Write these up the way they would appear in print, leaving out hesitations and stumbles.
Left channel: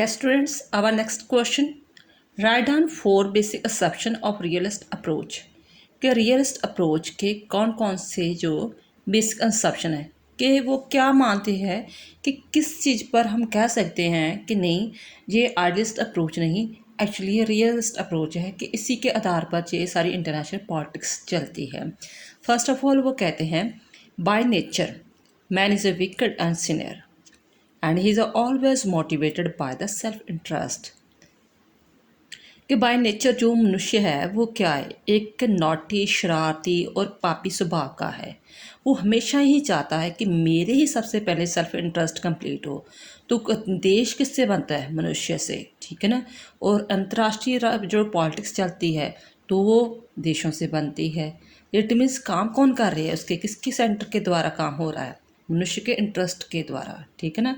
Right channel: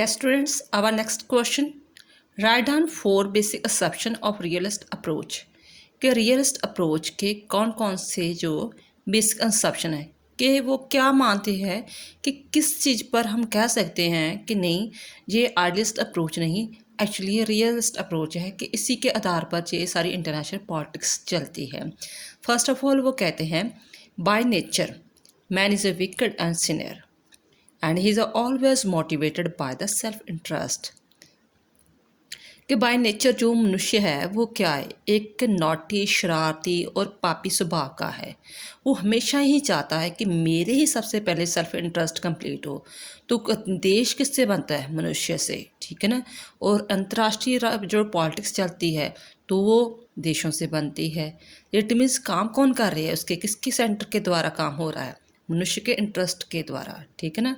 Yes, students, our next question. Write down 4 basic assumption of realist approach. कि realist approach के कौन कौन से जो बेसिक assumption है कि वो क्या मानते हैं कि किस चीज़ पर हम कह सकते हैं कि नहीं ये आइडियलिस्ट अप्रोच नहीं, एक्चुअली ये रियलिस्ट अप्रोच है कि इसी के आधार पर ये सारी इंटरनेशनल पॉलिटिक्स चलती है। फर्स्ट ऑफ ऑल वो कहते हैं bye nature man is a wicked and Sinner and he is always motivated by the self interest। कि बाय नेचर जो मनुष्य है वो क्या है, एक नॉटी शरारती और पापी स्वभाव का है। वो हमेशा ही चाहता है कि मेरे ही सबसे पहले सेल्फ इंटरेस्ट कंप्लीट हो। तो देश किससे बनता है? मनुष्य से, ठीक है ना। और अंतर्राष्ट्रीय जो पॉलिटिक्स चलती है तो वो देशों से बनती है। इट मीन्स काम कौन कर रही है, उसके किसके सेंटर के द्वारा काम हो रहा है? मनुष्य के इंटरेस्ट के द्वारा, ठीक है ना।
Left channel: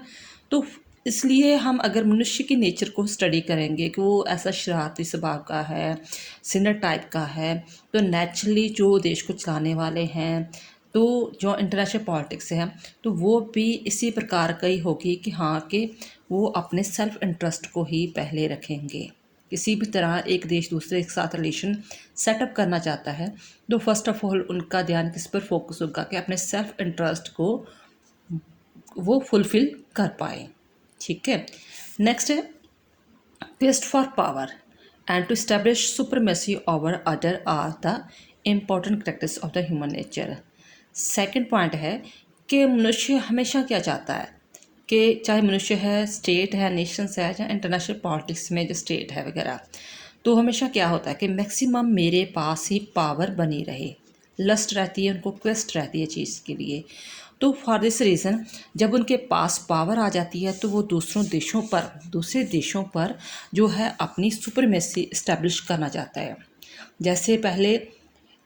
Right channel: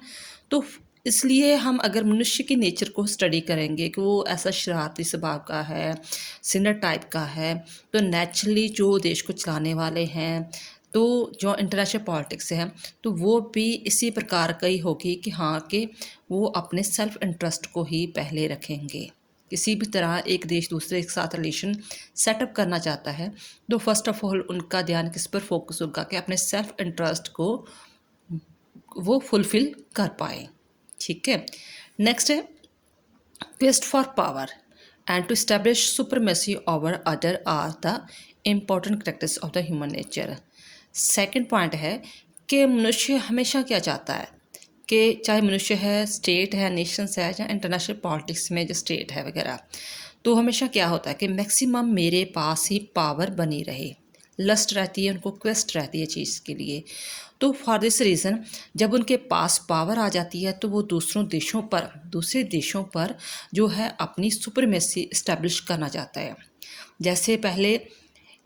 तो इसलिए हम अगर मनुष्य की नेचर को स्टडी करेंगे कि वो ऐसा शरारती स्वभाव का है, सिनर टाइप का है, तो नेचुरली जो देश को चलाने वाले हैं, तो जो इंटरनेशनल पॉलिटिक्स है तो वो भी इसी प्रकार का ही होगी कि हाँ कि वो अपने सेल्फ इंटरेस्ट को ही पहले रखेंगे। किसी भी तरह एक देश दूसरे के साथ रिलेशन सेटअप करना चाहता है तो फर्स्ट ऑफ ऑल उनका ध्यान किस पर फोकस होगा कि अपने सेल्फ इंटरेस्ट को वो फुलफिल कर पाए, ठीक है। नेक्स्ट है quest for power and to establish supremacy over other are the important characters of the human nature. Second point है कि मनुष्य हमेशा क्या चाहता है कि चाहे मनुष्य है, स्टेट है, नेशंस है या इंटरनेशनल पॉलिटिक्स में जो स्टेट है वगैरह, तो हमेशा क्या होता है कि मैक्सिमम मेरे पास ही पावर बनी रहे। लस्ट रहती है उनको, क्वेस्ट रहती है चीज़ के लिए। तो फॉर दिस रीज़न जब उनके पास पावर आ जाती है तो वो दूसरे देशों पर जो है अपनी सुपरमेसी इस्टेब्लिश करना चाहता है। जैसे पहले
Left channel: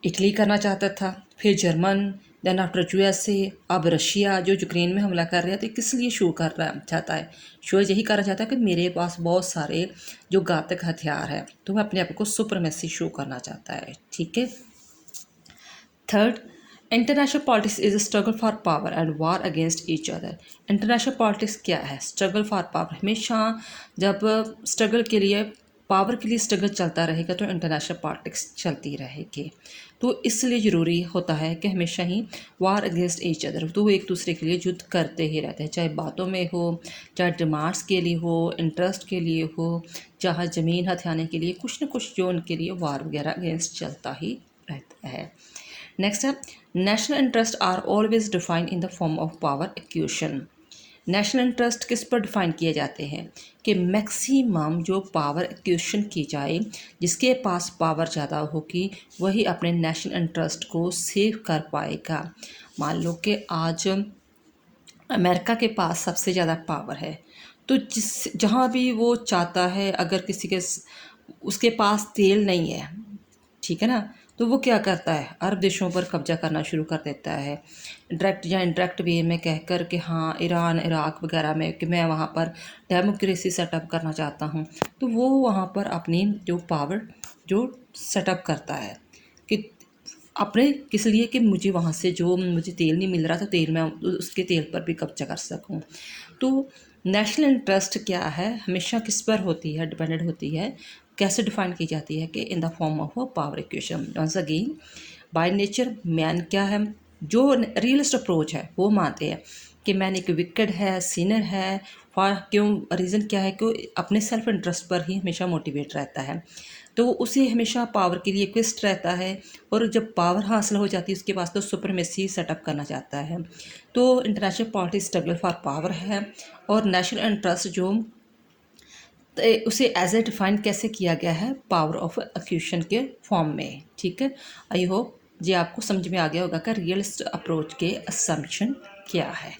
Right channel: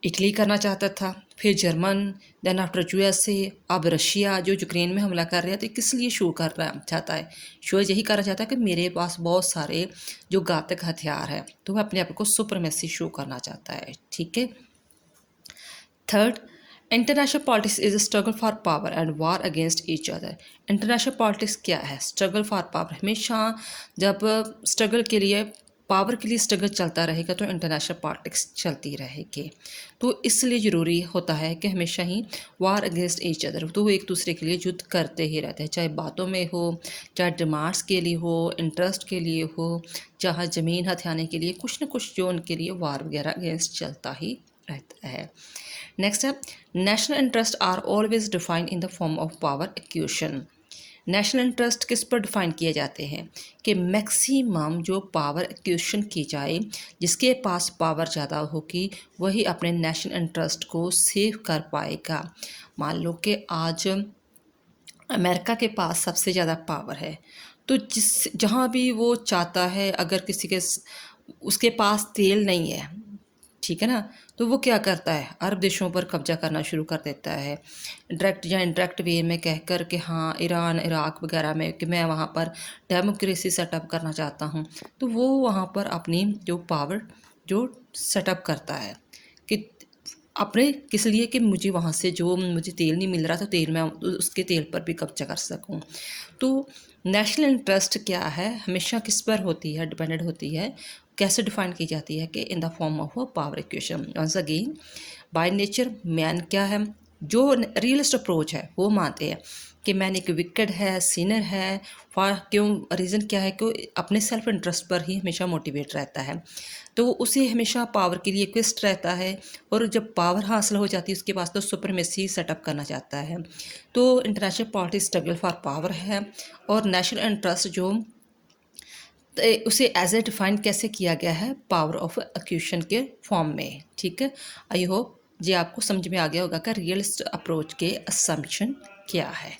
इटली करना चाहता था, फिर जर्मन, देन आफ्टर यूएसए, अब रशिया जो यूक्रेन में हमला कर रहा था। किस लिए शो कर रहा चाहता है? शो यही करना चाहता है कि मेरे पास बहुत सारे जो घातक हथियार है, तो वह अपने आप को सुपरमेसी शो करना चाहता है, ठीक है। Third, international politics is a struggle for power and war against each other. International politics क्या है? Struggle for power. हमेशा जब स्ट्रगल के लिए, पावर के लिए स्ट्रगल चलता रहेगा तो इंटरनेशनल पॉलिटिक्स चलती रहेगी। तो इसलिए ज़रूरी होता है कि हमेशा ही वार अगेंस्ट ईच अदर, तो वो एक दूसरे के लिए युद्ध करते ही रहते हैं, चाहे बातों में हो, चाहे डिमांड्स के लिए हो, इंटरेस्ट के लिए हो, चाहे ज़मीन हथियाने के लिए, कुछ ना कुछ जो उनके लिए वार वगैरह अगेंस्ट चलता ही रहता है। नेक्स्ट है national interest are always defined in the form of power equation. National interest किस पर डिफाइन किए जाते हैं कि मैक्सिमम जो पावर एक्यूशन की जाए, जिसके पास पावर ज़्यादा होगी वही अपने नेशनल इंटरेस्ट को सेव कर पाएगा। मान लो कि आज अमेरिका के पास सबसे ज़्यादा पावर है, तो जहाँ भी वो चाहता है, अगर किसी के उसके पास तेल नहीं है, ठीक है ना, तो वो क्या करता है? अरब देशों पर कब्जा करना शुरू कर देता है, डायरेक्ट या इनडायरेक्ट वे में कह कर कि हाँ ईरान, इराक वगैरह में कि मैं वहाँ पर डेमोक्रेसी सेटअप करना चाहता हूँ। तो वो वहाँ पर अपनी जो पावर जो सेटअप करता है कि अपने किस लिए कि मुझे वहाँ से जो मुझे तेल नहीं मिल रहा था, तेल मैं उसके तेल पर भी कब्जा कर सकूँ। तो नेशनल इंटरेस्ट क्या है, हमेशा किस पर होती है, डिपेंडेंट होती है, कैसे डिफाइन की जाती है कि in the form of a power equation. Once again by nature man क्या है, जो रियलिस्ट अप्रोच है वो मानते हैं कि मैन एक विकेड है, सीनियर है। फॉर क्यों? रीज़न क्या है कि अपने सेल्फ इंटरेस्ट पर ही हमेशा मोटिवेट रहता है, तो उसे हमेशा पावर के लिए क्विस्ट रहता है। और जब पावर हासिल हो जाती है उसके पास तो सुपरमेसी सेटअप करना चाहता है। तो international politics struggle for power है। और नेशनल इंटरेस्ट जो उसे एज ए डिफाइन कैसे किया गया है? पावर ऑफ एक्यूशन के फॉर्म में, ठीक है। आई होप ये आपको समझ में आ गया होगा कि रियलिस्ट अप्रोच के असम्पशन क्या है।